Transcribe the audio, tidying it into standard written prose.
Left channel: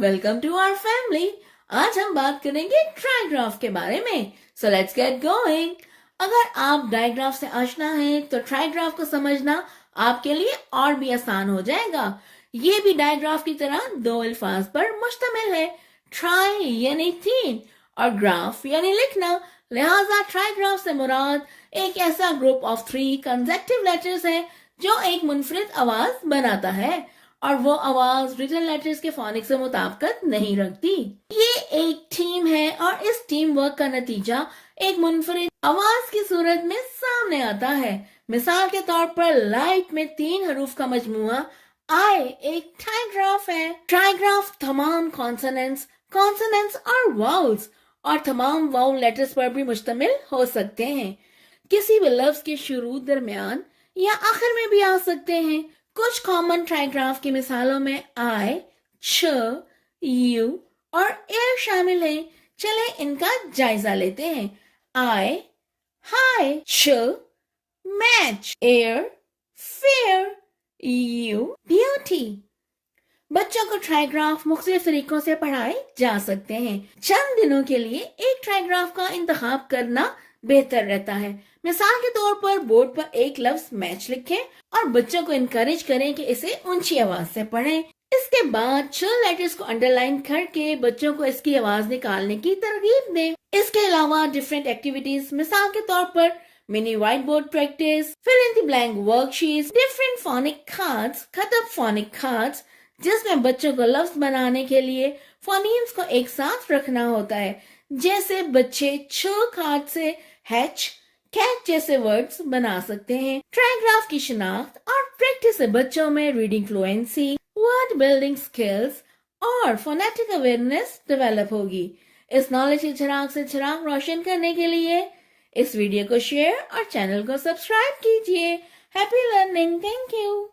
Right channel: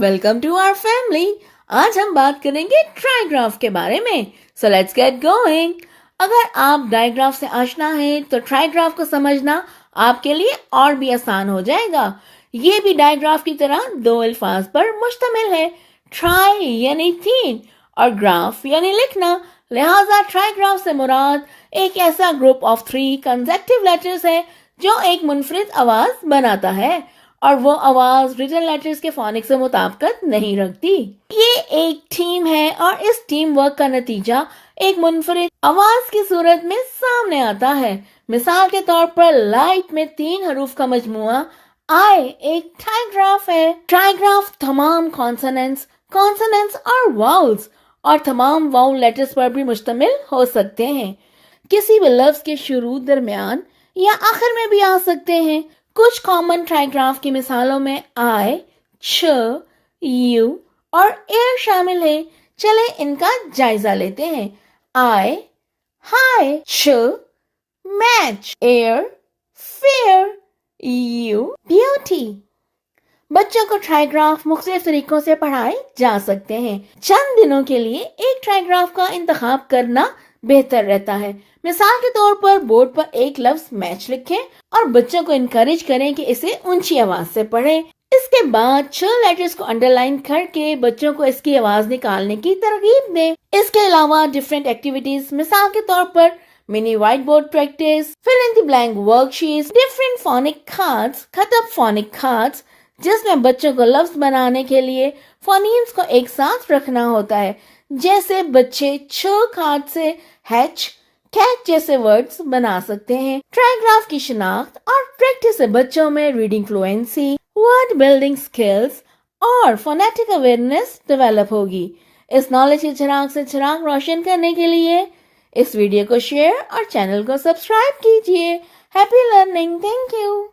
Welcome to our family. आज हम बात करेंगे ट्राइग्राफ के बारे में। So let's get going. अगर आप डायग्राफ से आशना हैं तो ट्राइग्राफ को समझना आपके लिए और भी आसान हो जाएगा। ये भी डायग्राफ की तरह दो अल्फाज पर मुश्तमिल है। ट्राई यानी तीन और ग्राफ यानी लिखना, लिहाजा ट्राइग्राफ से मुराद एक ऐसा ग्रुप ऑफ 3 कंसेक्टिव लेटर्स है जो एक मुनफरिद आवाज बनाता है और वो आवाज रिटन लेटर्स के फोनिक्स से मुताबिकत नहीं रखती। ये एक टीम है और इस टीम वर्क का नतीजा एक मुनफरिद आवाज की सूरत में सामने आता है। मिसाल के तौर पर लाइट में 3 हरूफ का मजमुआ आई एक ट्राइग्राफ है। ट्राइग्राफ तमाम कॉन्सोनेंट्स और वाउल्स और तमाम वाउल लेटर्स पर भी मुश्तमिल हो सकते हैं। किसी भी लफ्ज के शुरू, दरमियान या आखिर में भी आ सकते हैं। कुछ कॉमन ट्राइग्राफ की मिसालों में आई, च, यू और एयर शामिल है। चले इनका जायजा लेते हैं। आई, हाई, च, match, air, fair, you, beauty. बच्चों को ट्राइग्राफ मुख्तलिफ तरीकों से पढ़ाए जा सकते हैं। चंद दिनों के लिए एक ट्राइग्राफ का इंतखाब करना बेहतर रहता है। मिसाल के तौर पर बोर्ड पर एक लफ्ज मैच लिखें और बच्चों को इनकरेज करें कि इसे ऊंची आवाज से पढ़ें। इसके बाद 6 लेटर्स को अंडरलाइन करके बच्चों को इसकी आवाज निकालने की तरगीब दें। इसके अलावा डिफरेंट एक्टिविटीज, मिसाल के तौर पर mini white board practice, fill in the blank worksheets, different phonic cards, खतब फोनिक कार्ड्स, जिसमें बच्चों को लफ्ज बनाने के लिए फोनीम्स को एक साथ रखना होता है। जैसे बच्चे छ कार्ड से हैच, कैट जैसे वर्ड्स बना सकते हैं। ट्राइग्राफ की शिनाख्त और प्रैक्टिस से बच्चों में reading fluency, word building skills और फोनेटिक अवेयरनेस डेवलप होगी। इस नॉलेज के चिराग से चिराग रोशन करने के लिए इस वीडियो को शेयर और चैनल को सब्सक्राइब कीजिए। Happy learning. Thank you.